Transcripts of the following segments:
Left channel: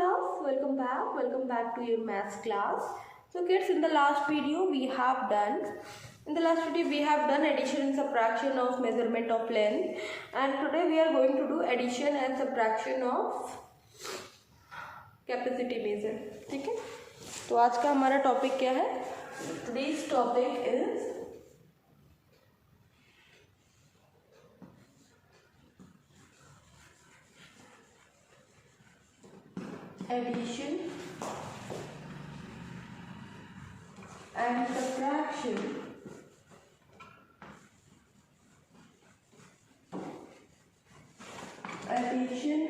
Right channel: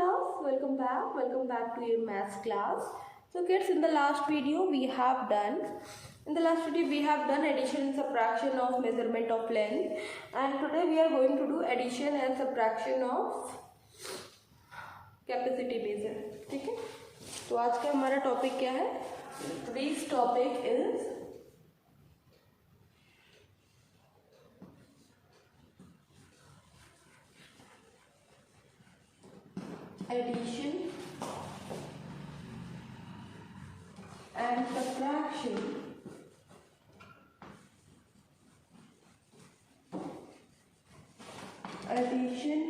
class, welcome back to your maths class. So kids, in the last video we have done addition and subtraction of measurement of length, and today we are going to do addition and subtraction of capacity measure. ठीक है, तो आज का हमारा topic क्या है? Today's topic is addition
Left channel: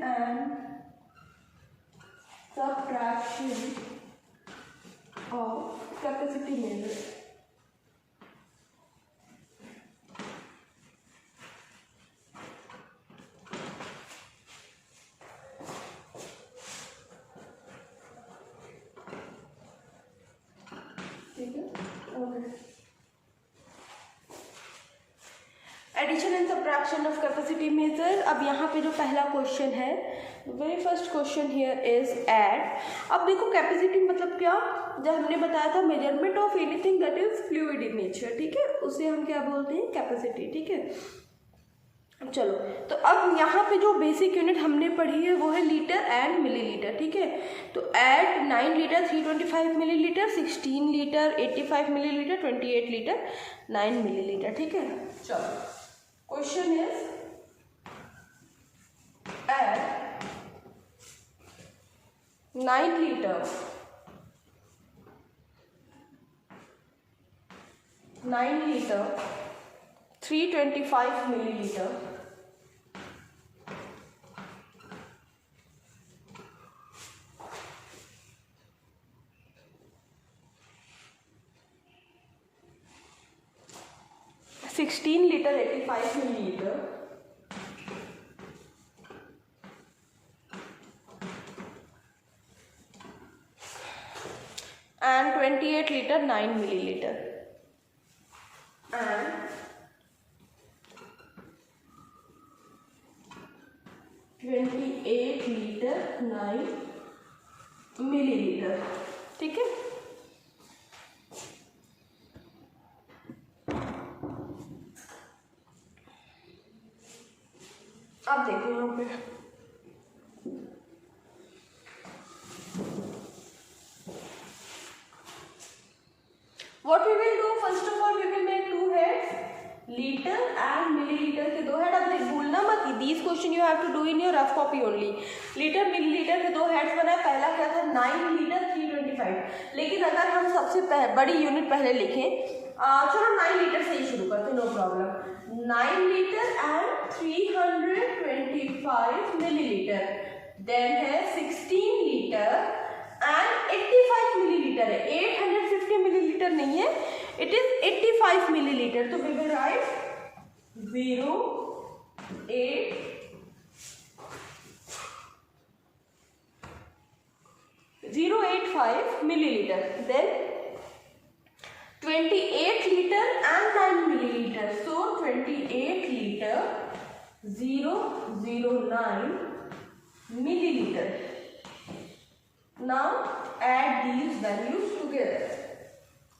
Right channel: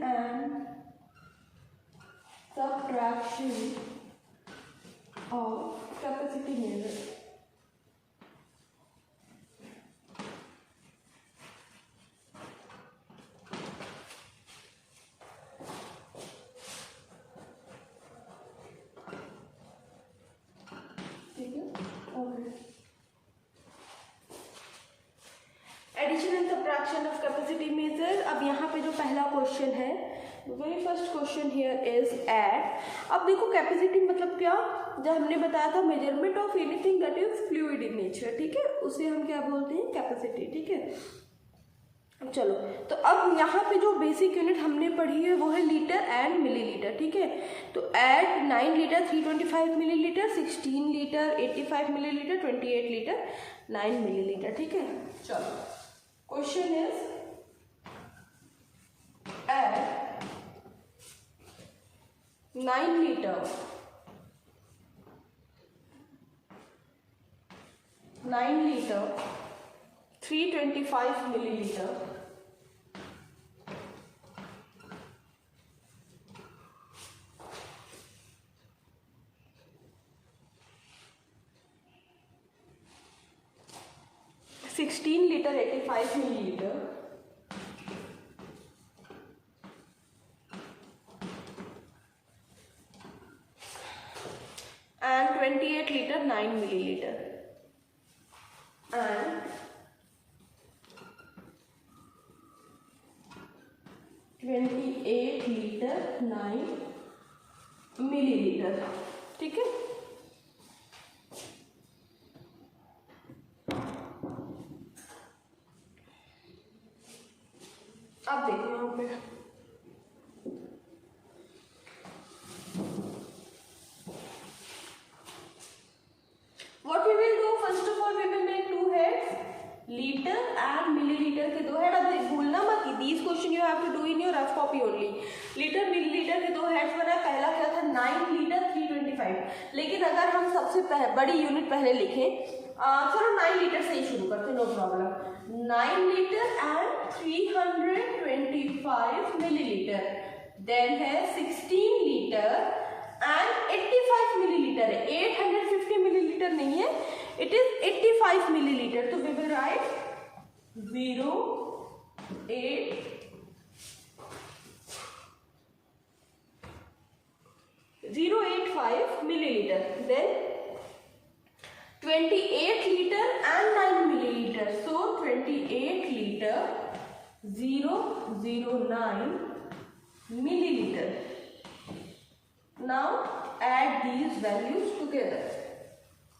and subtraction of capacity measure. Addition and subtraction of capacity measure. अब यहाँ पे जो पहला क्वेश्चन है, very first question here is add. अब देखो कैपेसिटी मतलब क्या, जब हमने बताया था measurement of anything that is fluid in nature. ठीक है, उसे हम क्या बोलते हैं? कैपेसिटी. ठीक है, चलो तो अब यहाँ पे जो बेसिक यूनिट हमने पढ़ी है वो है लीटर एंड मिलीलीटर. ठीक है, तो ऐड 9 लीटर 325 मिलीलीटर, 16 लीटर 85 मिलीलीटर, 28 लीटर 9 मिलीलीटर. ठीक है, चलो क्वेश्चन इज ऐड 9 लीटर 325 मिलीलीटर, लीटर 85 मिलीलीटर and 28 liter 9 milliliter and 28 liter 9 milliliter. ठीक है, अब देखो यहाँ पे what we will do, first of all we will make two heads, litre and millilitre के दो हेड. अब भूलना मत, this question you have to do in your rough copy only. Litre millilitre के दो हेड्स बनाए. पहला क्या था? 9 लीटर 325. लेकिन अगर हम सबसे बड़ी यूनिट पहले लिखें, चलो 9 लीटर से ही शुरू करते, no problem. 9 litre and 325 millilitre. Then है 16 लीटर एंड 85 मिलीलीटर है. 850 मिलीलीटर नहीं है, इट इज 85 मिलीलीटर. तो we will write 085 milliliter. Then 28 liter and 9 milliliter. So 28 liter 009 milliliter. Now add these values together.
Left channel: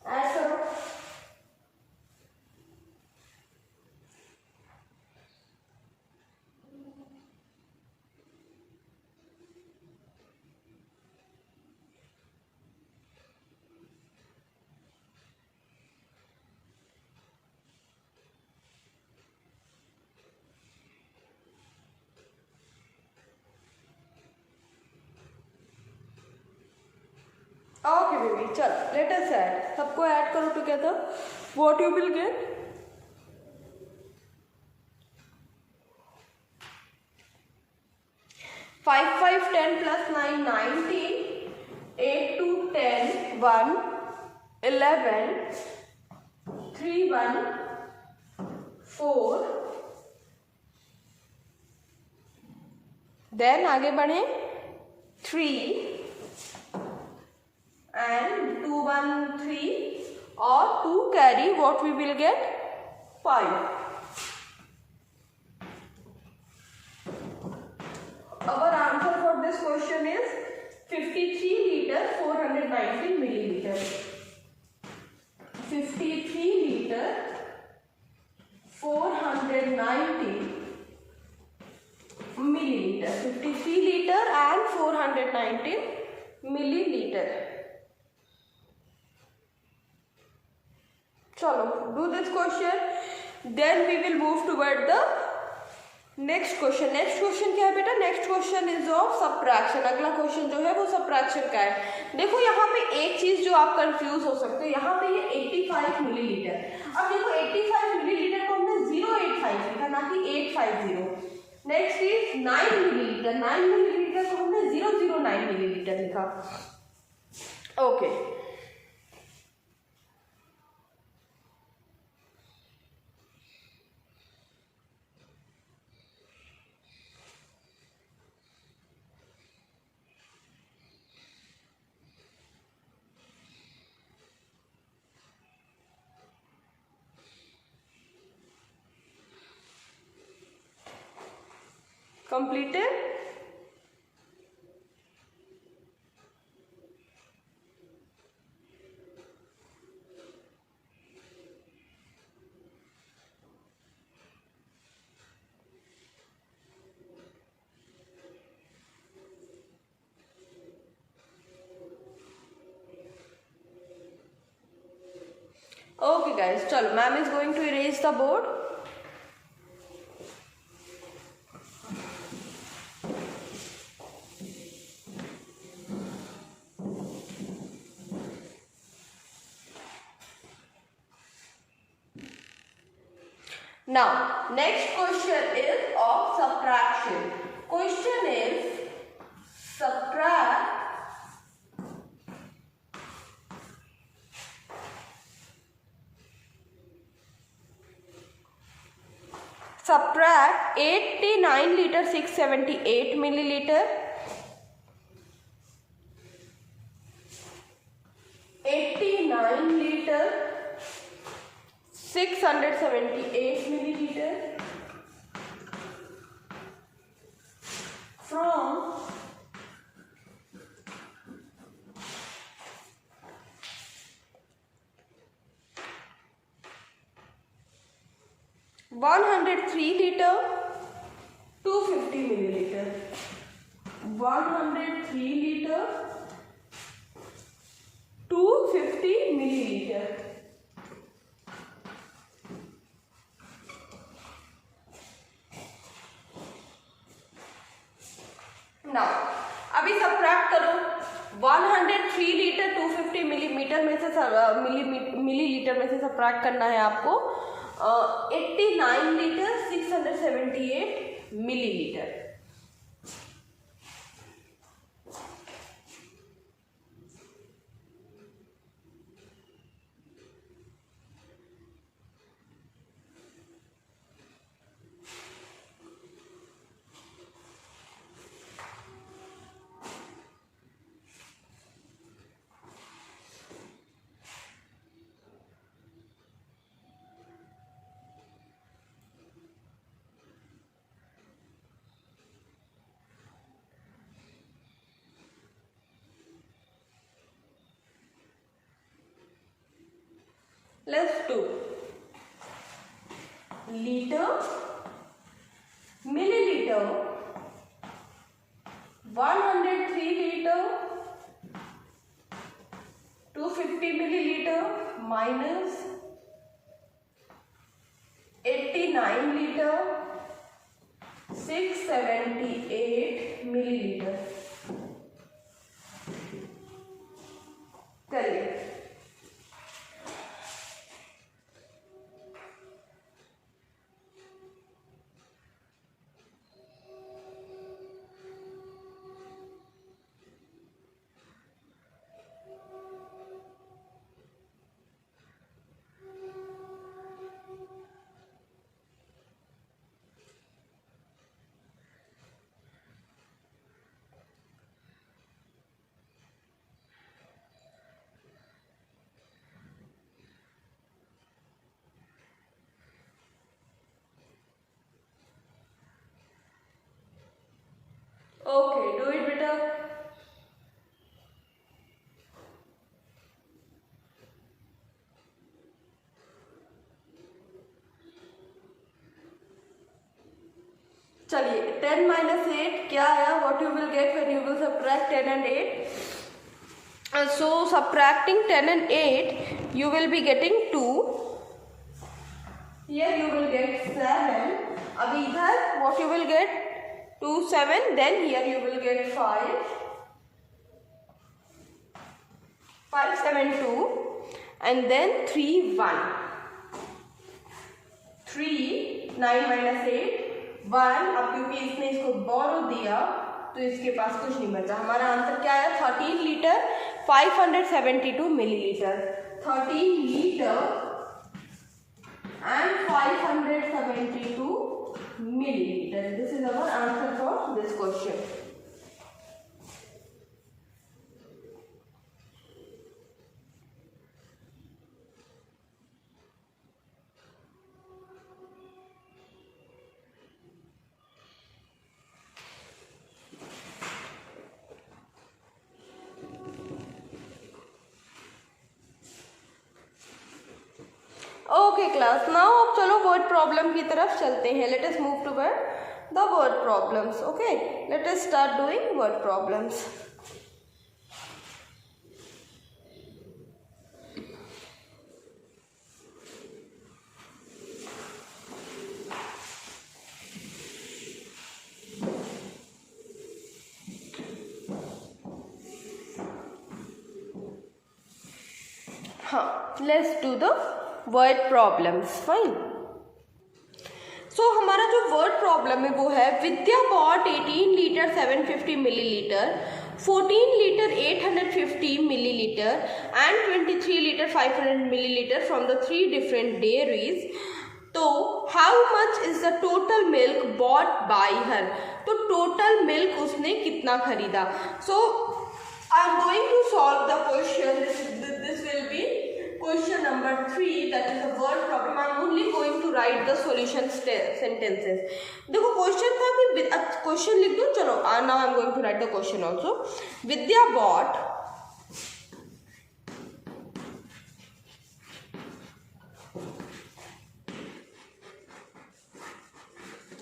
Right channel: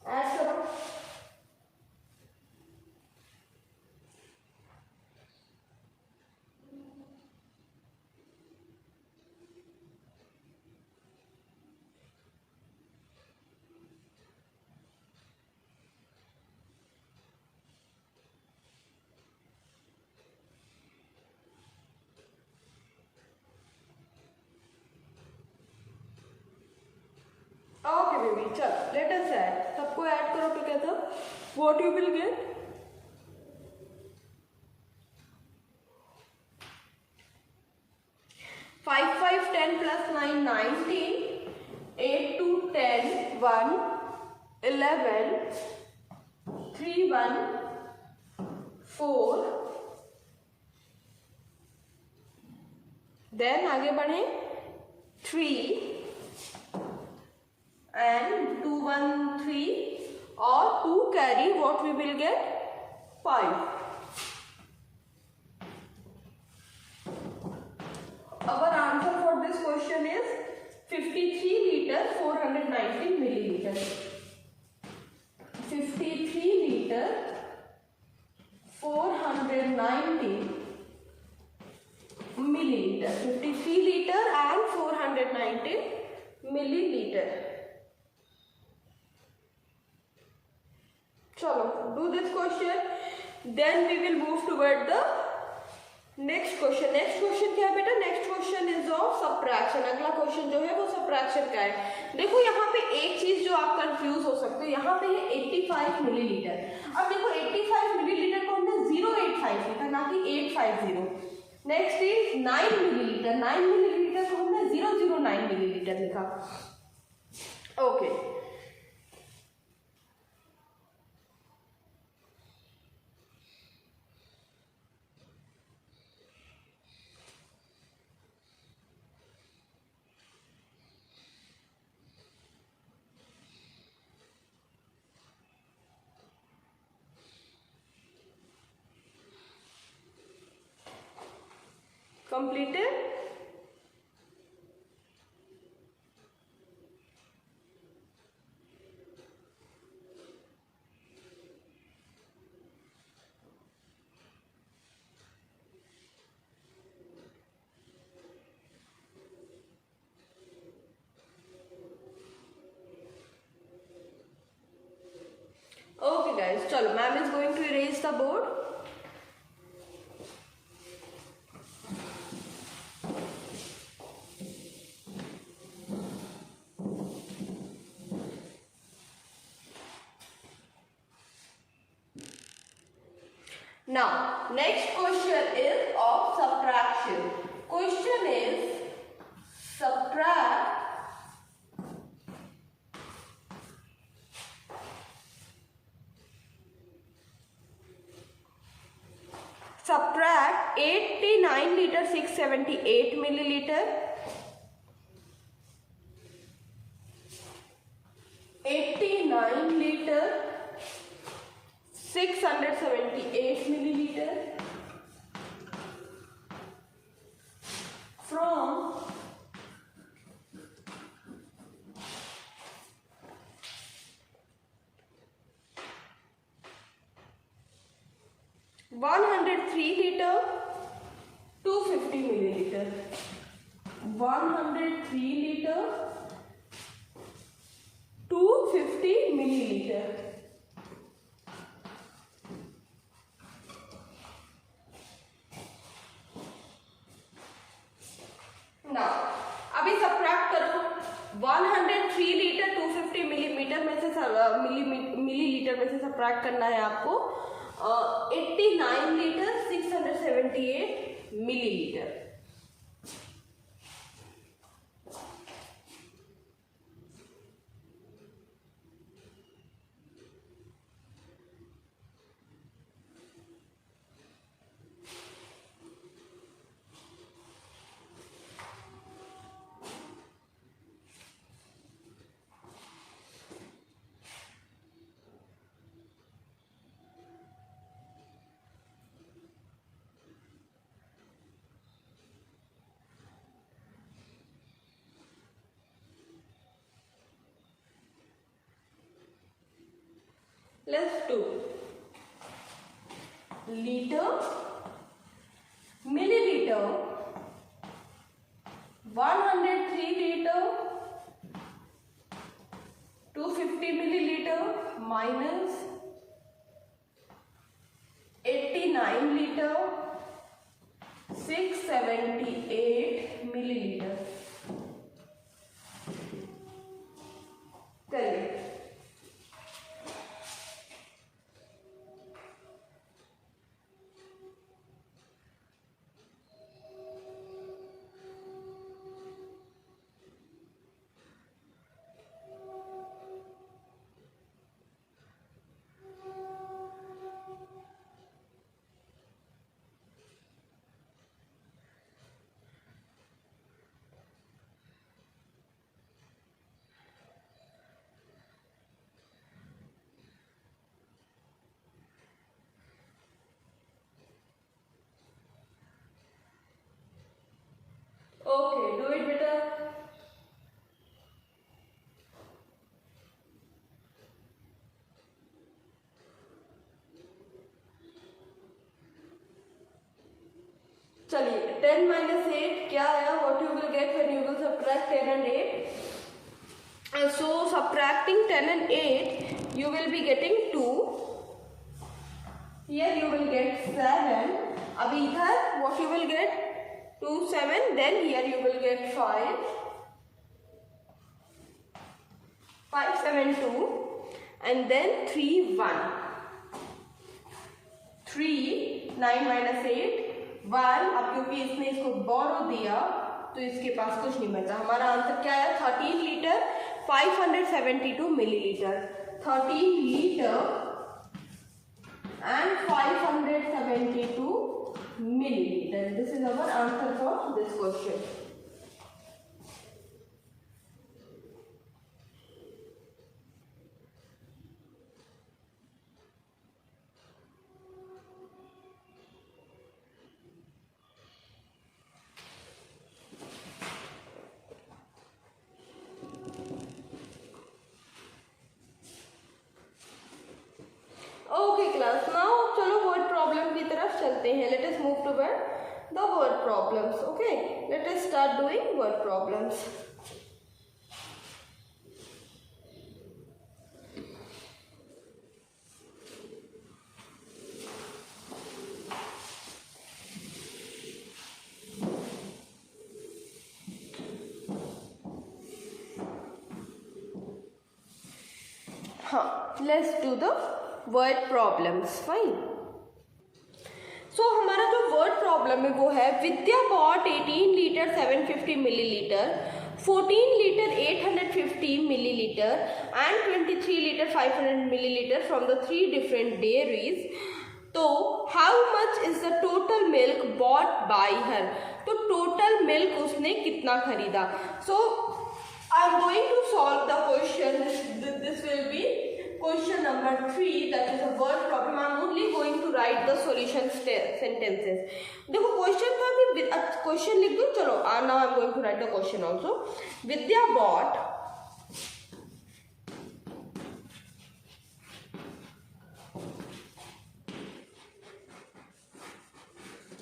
Add करो. Okay baby, चल let us add. सबको ऐड करो together. What you will get? 5 5 10 plus 9 19, 8 2 10 1 11 3 1 4. Then आगे बढ़े 3 and 2 1 3 or 2 carry, what we will get? 5. Our answer for this question is 53 लीटर 490 मिलीलीटर, 53 लीटर 490 milliliter, 53 liter and 490 milliliter. चलो, do this question, then we will move toward the next question. Next question क्या है बेटा? Next question is of subtraction. अगला क्वेश्चन जो है वो सब्ट्रैक्शन का है. देखो यहाँ पे एक चीज जो आप कंफ्यूज हो सकते हैं, यहाँ पे ये 85 मिलीलीटर. अब देखो 85 मिलीलीटर को हमने 085 लिखा, ना कि 850. नेक्स्ट इज 9 मिलीलीटर. 9 मिलीलीटर को हमने 009 मिलीलीटर लिखा. Okay, completed. Okay guys, चलो, ma'am is going to erase the board. Now, next question is of subtraction. Question is subtract 89 liter 678 milliliter, 89 liter 678 milliliter from 103 liter 250 milliliter, 103 liter 250 milliliter. Now, अभी सब्ट्रैक्ट करो. 103 लीटर 250 मिलीमीटर में से मिलीलीटर में से सब्ट्रैक्ट करना है आपको 89 लीटर 678 millilitre. Let's do liter, milliliter, 103 liter 250 milliliter minus 89 liter 678 milliliter. चलिए, 10 minus 8 क्या आया? What you will get when you will subtract 10 and 8? So subtracting 10 and 8, you will be getting 2. Here you will get 7. अब इधर what you will get? 2, 7. Then here you will get 5. 5, 7, 2. And then 3, 1. 3, 9 minus 8. 1, अब क्योंकि इसने इसको बोरो दिया तो इसके पास कुछ नहीं बचा। हमारा आंसर क्या है? 13 लीटर 572 मिलीलीटर। 13 litre and 572 milliliter. This is our answer for this question. Okay class, now अब चलो वर्ड प्रॉब्लम की तरफ चलते हैं। Let us move toward the word problems. Okay, let us start doing word problems. हाँ, let's do the word problems. Fine. So हमारा जो word problem है वो है Vidya bought 18 litre 750 millilitre, 14 litre 850 millilitre and 23 litre 500 millilitre from the 3 different dairies. तो how much is the total milk bought by her? तो total milk उसने कितना खरीदा? So I am going to solve the question. This will be question number 3, that is a word problem. I am only going to write the solution sentences. देखो क्वेश्चन था, अभी क्वेश्चन लिख दूँ। चलो, now I am going to write the question also. Vidya bought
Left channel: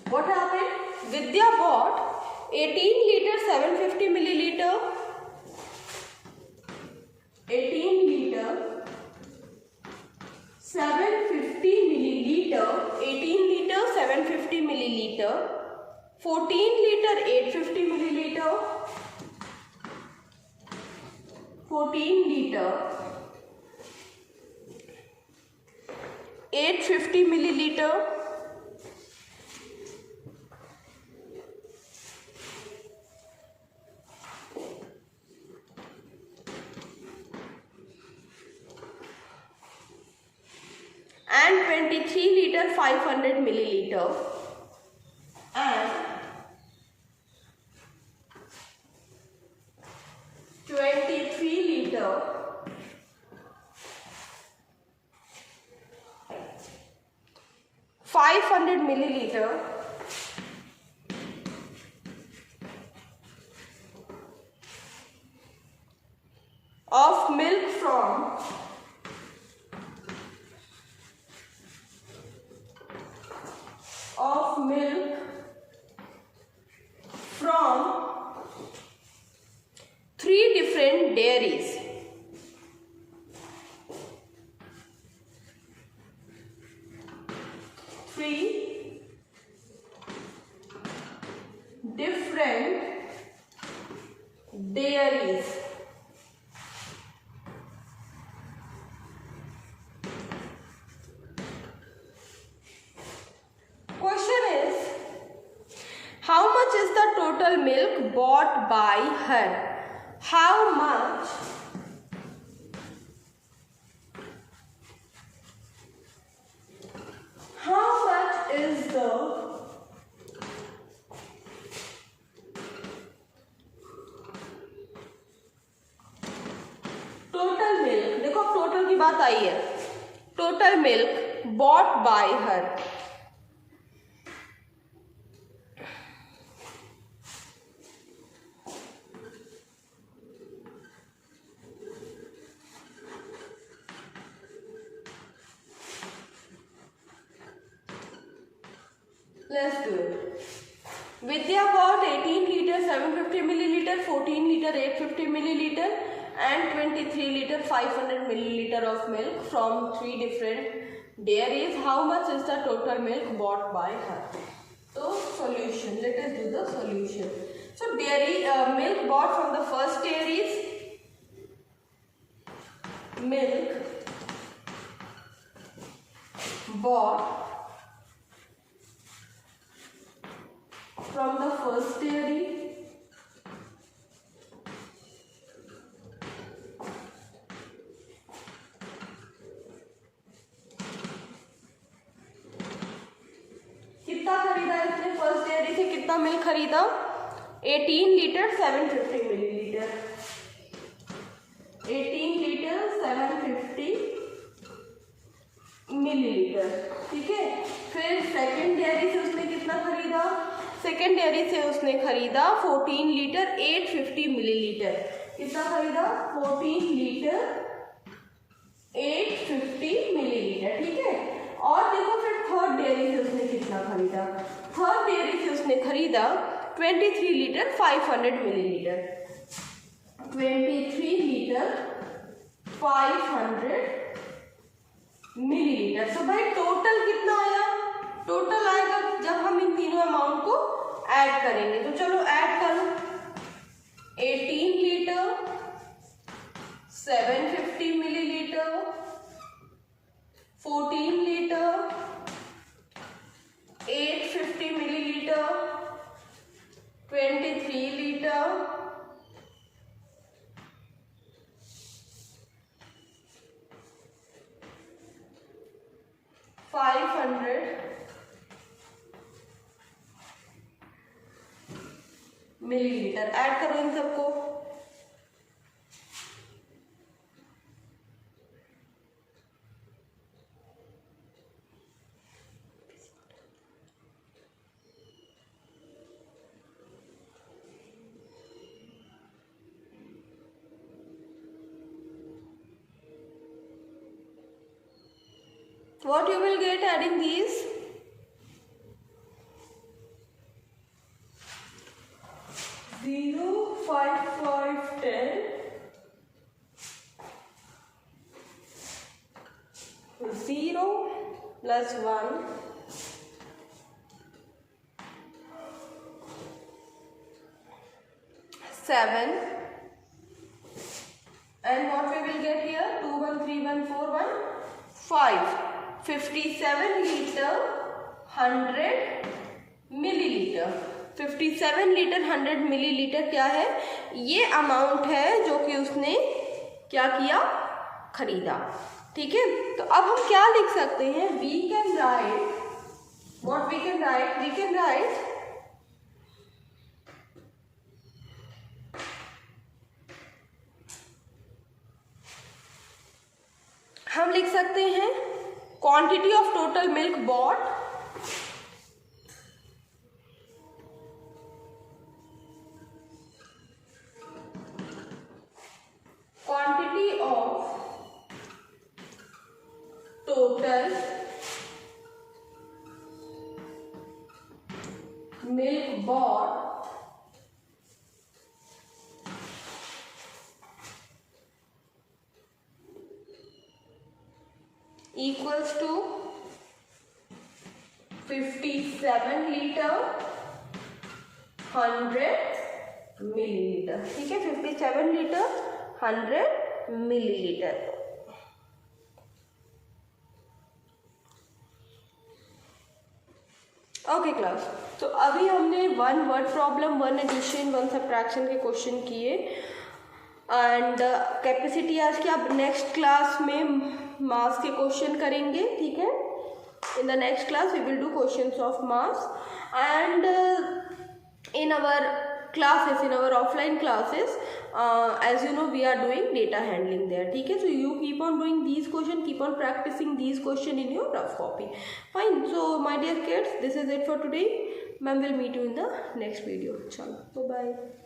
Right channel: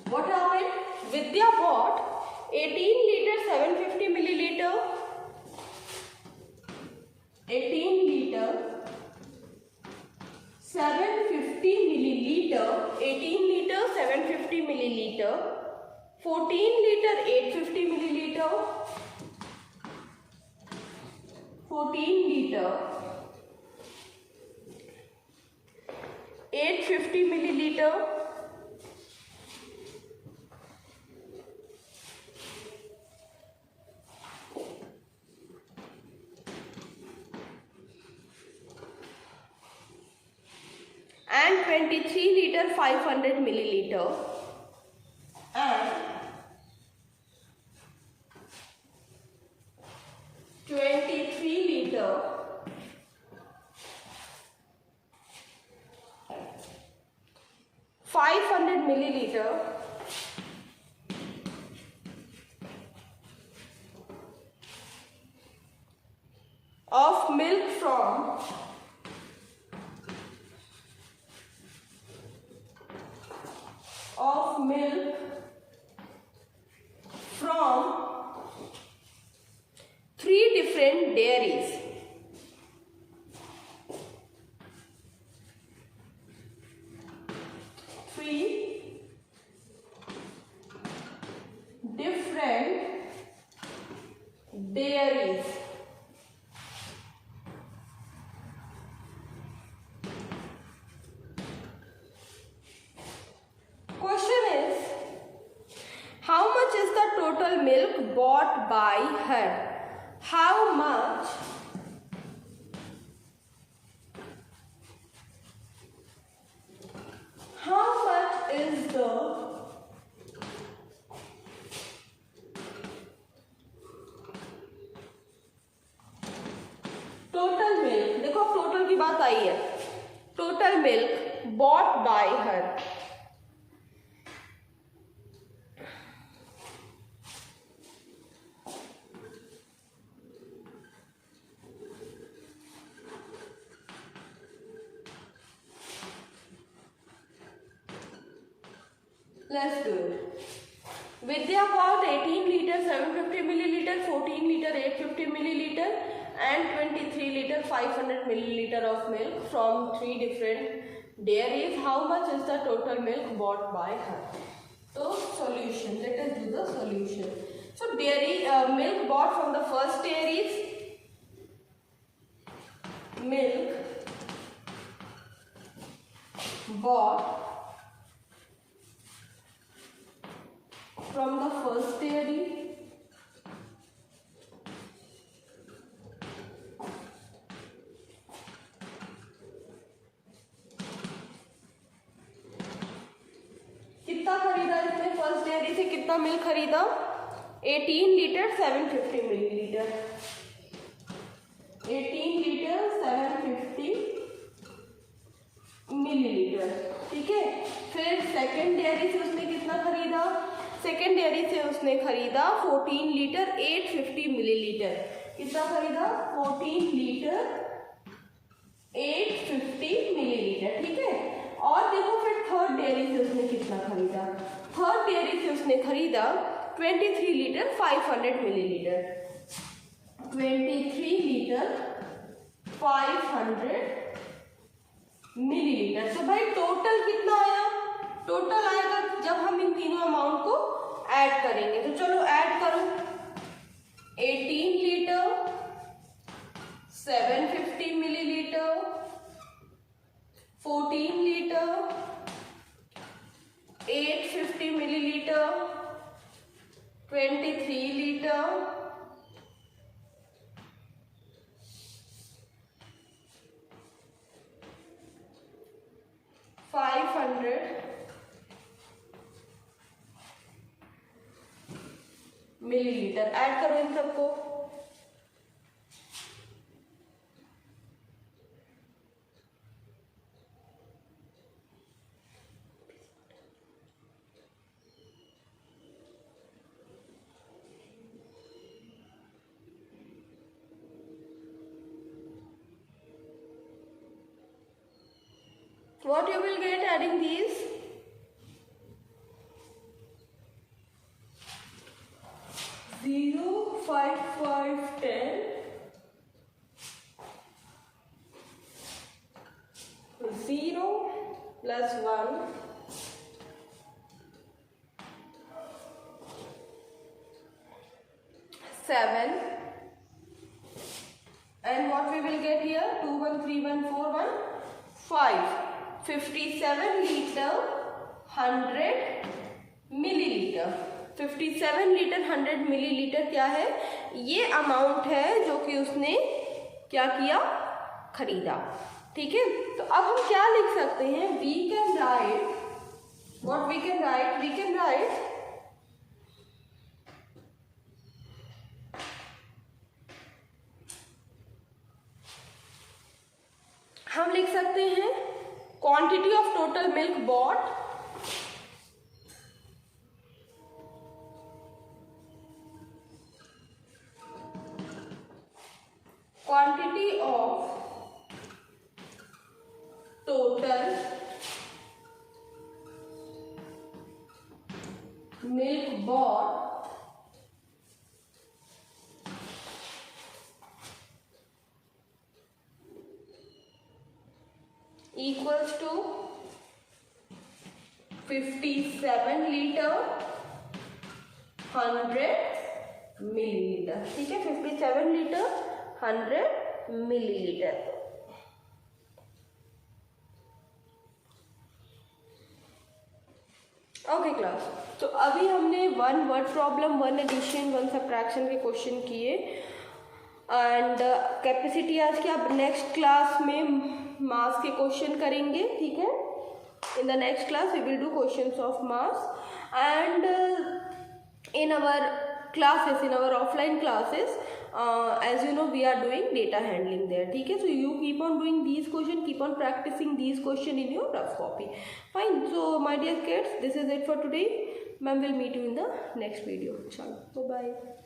what happened? Vidya bought 18 liter 750 milliliter, 18 liter 750 milliliter, 18 liter 750 milliliter, 14 liter 850 milliliter, 14 liter 850 milliliter, and 23 liter 500 milliliter and 23 liter 500 milliliter of milk from three different dairies. Three different dairies. Question is, how much is the total milk bought by her? How much is the total milk? देखो अब टोटल की बात आई है। Total milk bought by her. Let's do it. Vidya got 18 liter 750 milliliter, 14 liter 850 milliliter and 23 liter 500 milliliter of milk from 3 different dairies. How much is the total milk bought by her? So solution, let us do the solution. So dairy milk bought from the first dairies, milk bought from the first dairy कितना खरीदा इसने, first dairy से कितना मिल्क खरीदा, 18 litre 750 मिलीलीटर, 18 litre 750 मिलीलीटर, ठीक है। फिर second dairy से उसने कितना खरीदा, सेकंड डेयरी से उसने खरीदा 14 लीटर 850 मिलीलीटर, कितना खरीदा, 14 लीटर 850 मिलीलीटर, ठीक है। और देखो फिर थर्ड डेयरी से उसने कितना खरीदा, थर्ड डेयरी से उसने खरीदा 23 लीटर 500 मिलीलीटर, 23 लीटर 500 मिलीलीटर। तो भाई टोटल कितना आया, टोटल आएगा जब हम इन तीनों अमाउंट को ऐड करेंगे। तो चलो ऐड करो, 18 लीटर 750 मिलीलीटर, 14 लीटर 850 मिलीलीटर, 23 लीटर 500 मिलीलीटर। ऐड करो इन सबको, what you will get adding these, zero 5 5 10 0 plus 1 7 and what we will get here, 2 1 3 1 4 1 5, 57 litre 100 मिलीलीटर, 57 लीटर 100 मिलीलीटर क्या है, ये अमाउंट है जो कि उसने क्या किया, खरीदा, ठीक है। तो अब हम क्या लिख सकते हैं, we can write, what we can write, we can write हम लिख सकते हैं quantity of total milk bought, quantity of total milk bought equals to 57 litre 100 millilitre, ठीक है, 57 लीटर 100 मिलीलीटर। ओके क्लास, तो अभी हमने 1 वर्ड प्रॉब्लम, 1 एडिशन, 1 सब्ट्रैक्शन के क्वेश्चन किए एंड कैपेसिटी आज की। अब नेक्स्ट क्लास में मास के क्वेश्चन करेंगे, ठीक है। In the next class we will do questions of mass and in our classes, in our offline classes, as you know we are doing data handling there, ठीक है। So you keep on doing these question, keep on practicing these question in your rough copy, fine। So my dear kids, this is it for today, ma'am will meet you in the next video, chalo, bye bye।